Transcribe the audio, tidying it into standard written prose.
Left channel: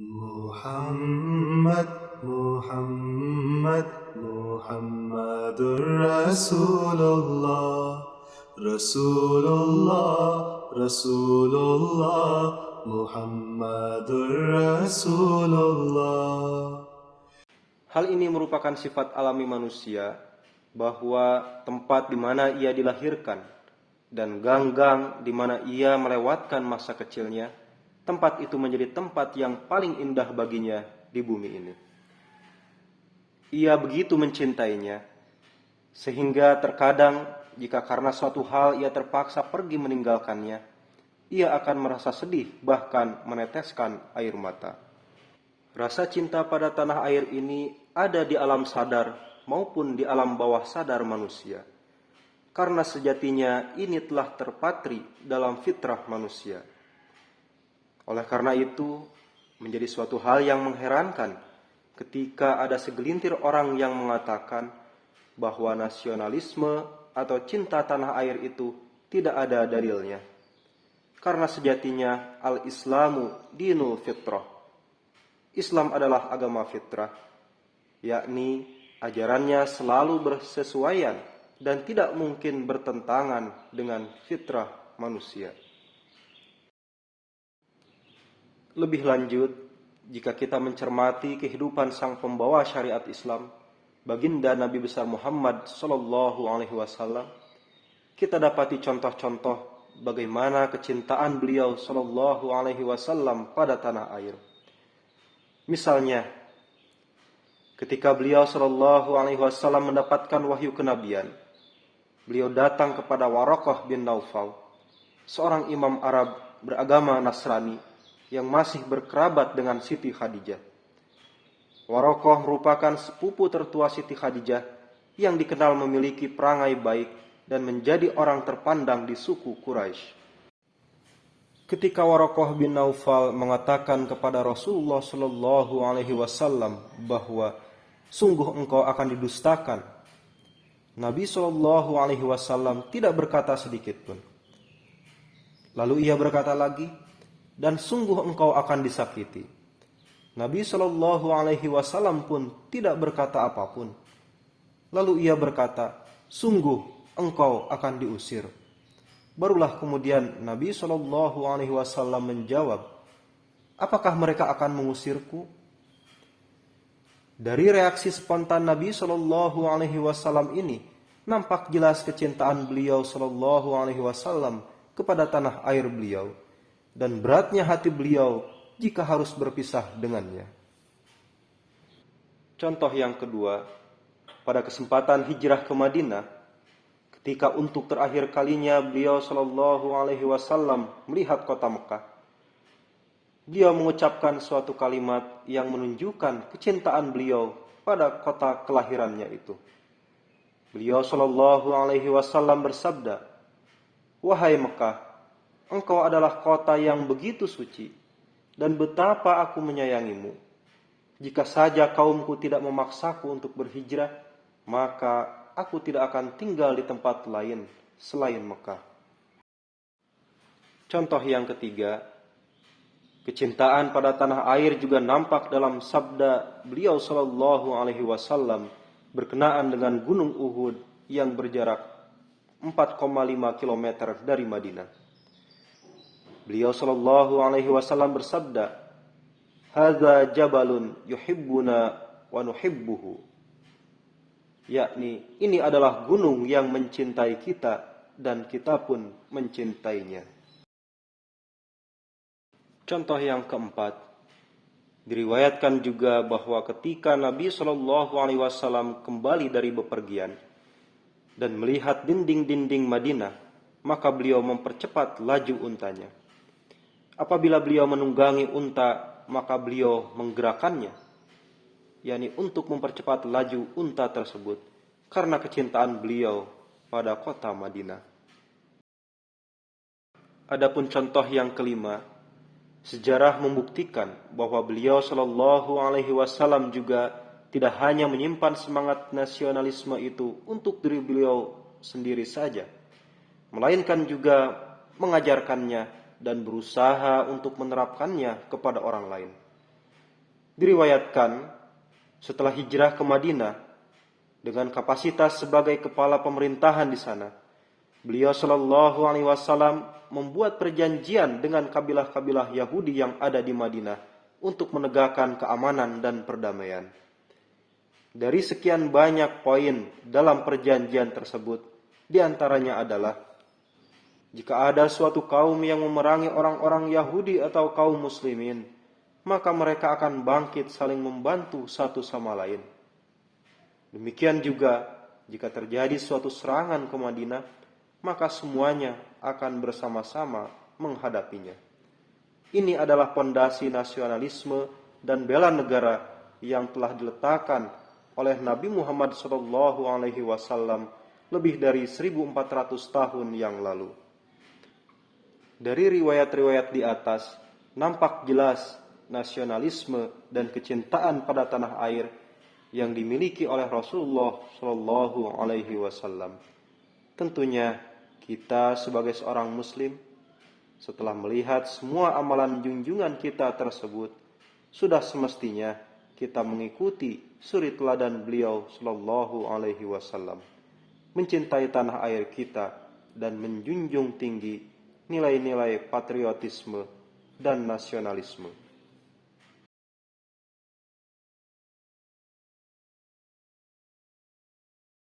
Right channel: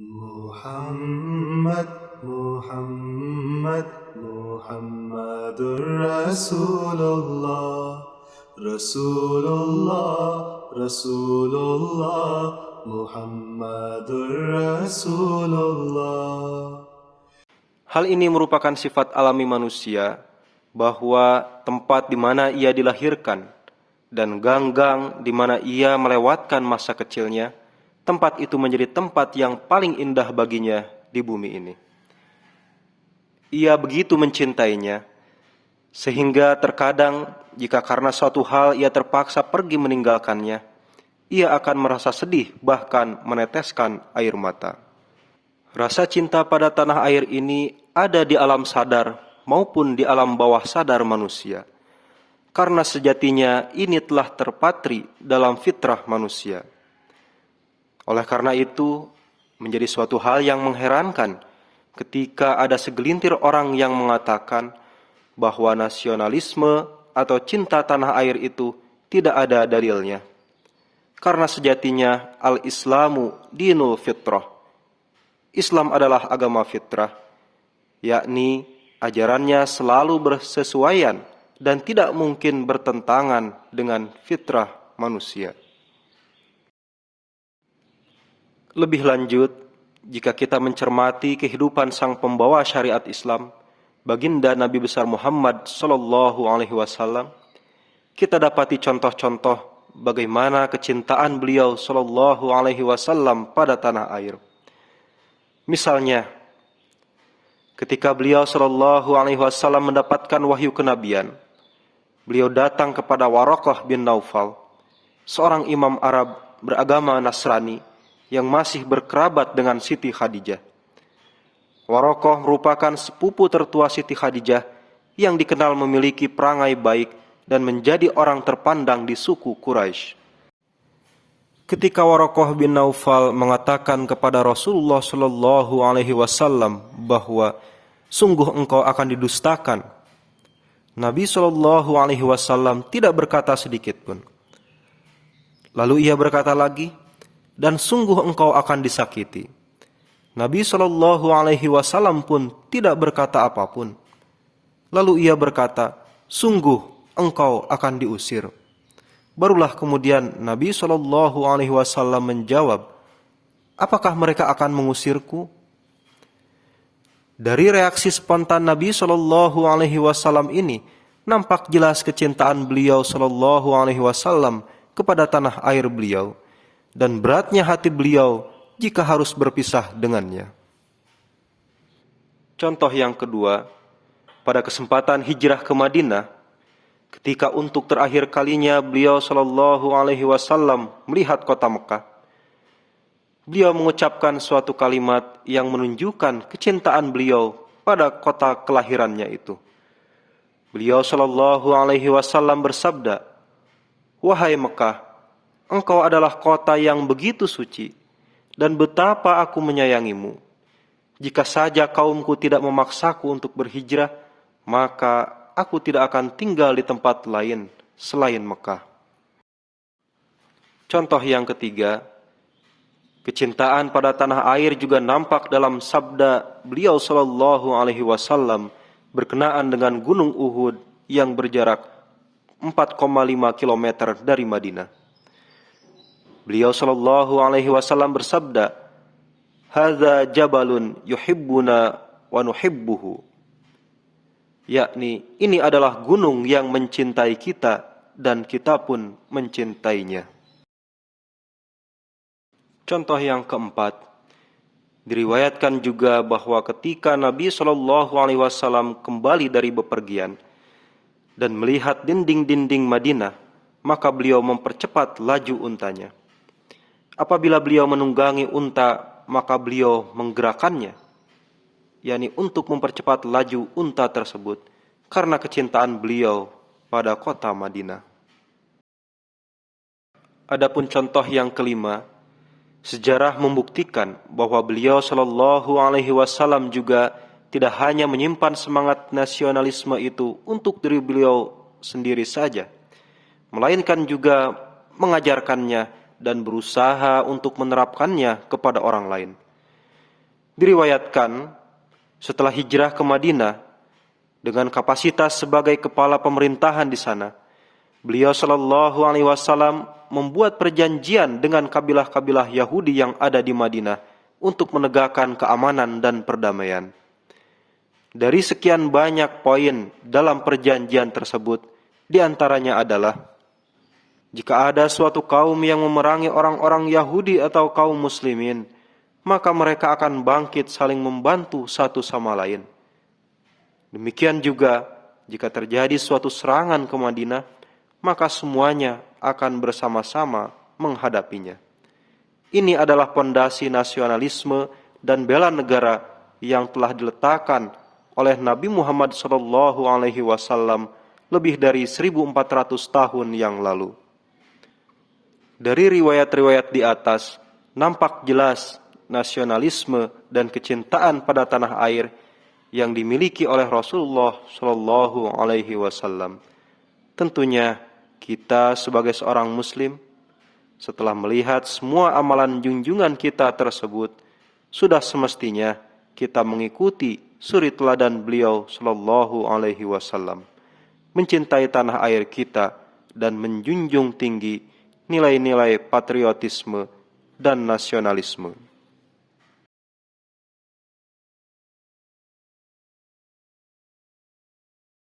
Muhammad, Muhammad, Muhammadur Rasulullah, Rasulullah, Rasulullah, Muhammadur Rasulullah. Hal ini merupakan sifat alami manusia, bahwa tempat di mana ia dilahirkan dan ganggang di mana ia melewatkan masa kecilnya, tempat itu menjadi tempat yang paling indah baginya di bumi ini. Ia begitu mencintainya, sehingga terkadang jika karena suatu hal ia terpaksa pergi meninggalkannya, ia akan merasa sedih, bahkan meneteskan air mata. Rasa cinta pada tanah air ini ada di alam sadar maupun di alam bawah sadar manusia, karena sejatinya ini telah terpatri dalam fitrah manusia. Oleh karena itu, menjadi suatu hal yang mengherankan ketika ada segelintir orang yang mengatakan bahwa nasionalisme atau cinta tanah air itu tidak ada dalilnya. Karena sejatinya al-Islamu dinul fitrah. Islam adalah agama fitrah, yakni ajarannya selalu bersesuaian dan tidak mungkin bertentangan dengan fitrah manusia. Lebih lanjut, jika kita mencermati kehidupan sang pembawa syariat Islam, baginda Nabi besar Muhammad sallallahu alaihi wasallam, kita dapati contoh-contoh bagaimana kecintaan beliau sallallahu alaihi wasallam pada tanah air. Misalnya, ketika beliau sallallahu alaihi wasallam mendapatkan wahyu kenabian, beliau datang kepada Waraqah bin Naufal, seorang imam Arab beragama Nasrani yang masih berkerabat dengan Siti Khadijah. Waraqah merupakan sepupu tertua Siti Khadijah yang dikenal memiliki perangai baik dan menjadi orang terpandang di suku Quraisy. Ketika Waraqah bin Naufal mengatakan kepada Rasulullah sallallahu alaihi wasallam bahwa sungguh engkau akan didustakan, Nabi sallallahu alaihi wasallam tidak berkata sedikit pun. Lalu ia berkata lagi, dan sungguh engkau akan disakiti. Nabi sallallahu alaihi wasallam pun tidak berkata apapun. Lalu ia berkata, sungguh engkau akan diusir. Barulah kemudian Nabi sallallahu alaihi wasallam menjawab, apakah mereka akan mengusirku? Dari reaksi spontan Nabi sallallahu alaihi wasallam ini, nampak jelas kecintaan beliau sallallahu alaihi wasallam kepada tanah air beliau dan beratnya hati beliau jika harus berpisah dengannya. Contoh yang kedua, pada kesempatan hijrah ke Madinah, ketika untuk terakhir kalinya beliau sallallahu alaihi wasallam melihat kota Mekah, beliau mengucapkan suatu kalimat yang menunjukkan kecintaan beliau pada kota kelahirannya itu. Beliau sallallahu alaihi wasallam bersabda, wahai Mekah, engkau adalah kota yang begitu suci, dan betapa aku menyayangimu. Jika saja kaumku tidak memaksaku untuk berhijrah, maka aku tidak akan tinggal di tempat lain selain Mekah. Contoh yang ketiga, kecintaan pada tanah air juga nampak dalam sabda beliau sallallahu alaihi wasallam berkenaan dengan Gunung Uhud yang berjarak 4,5 km dari Madinah. Beliau sallallahu alaihi wasallam bersabda, "Hadza jabalun yuhibbuna wa nuhibbuhu." Yakni, ini adalah gunung yang mencintai kita dan kita pun mencintainya. Contoh yang keempat, diriwayatkan juga bahwa ketika Nabi sallallahu alaihi wasallam kembali dari bepergian dan melihat dinding-dinding Madinah, maka beliau mempercepat laju untanya. Apabila beliau menunggangi unta, maka beliau menggerakkannya, yakni untuk mempercepat laju unta tersebut, karena kecintaan beliau pada kota Madinah. Adapun contoh yang kelima, sejarah membuktikan bahwa beliau sallallahu alaihi wasallam juga tidak hanya menyimpan semangat nasionalisme itu untuk diri beliau sendiri saja, melainkan juga mengajarkannya dan berusaha untuk menerapkannya kepada orang lain. Diriwayatkan setelah hijrah ke Madinah dengan kapasitas sebagai kepala pemerintahan di sana, beliau Shallallahu Alaihi Wasallam membuat perjanjian dengan kabilah-kabilah Yahudi yang ada di Madinah untuk menegakkan keamanan dan perdamaian. Dari sekian banyak poin dalam perjanjian tersebut, di antaranya adalah jika ada suatu kaum yang memerangi orang-orang Yahudi atau kaum muslimin, maka mereka akan bangkit saling membantu satu sama lain. Demikian juga jika terjadi suatu serangan ke Madinah, maka semuanya akan bersama-sama menghadapinya. Ini adalah pondasi nasionalisme dan bela negara yang telah diletakkan oleh Nabi Muhammad SAW lebih dari 1400 tahun yang lalu. Dari riwayat-riwayat di atas, nampak jelas nasionalisme dan kecintaan pada tanah air yang dimiliki oleh Rasulullah Shallallahu Alaihi Wasallam. Tentunya kita sebagai seorang Muslim, setelah melihat semua amalan junjungan kita tersebut, sudah semestinya kita mengikuti suri teladan beliau Shallallahu Alaihi Wasallam, mencintai tanah air kita dan menjunjung tinggi nilai-nilai patriotisme dan nasionalisme.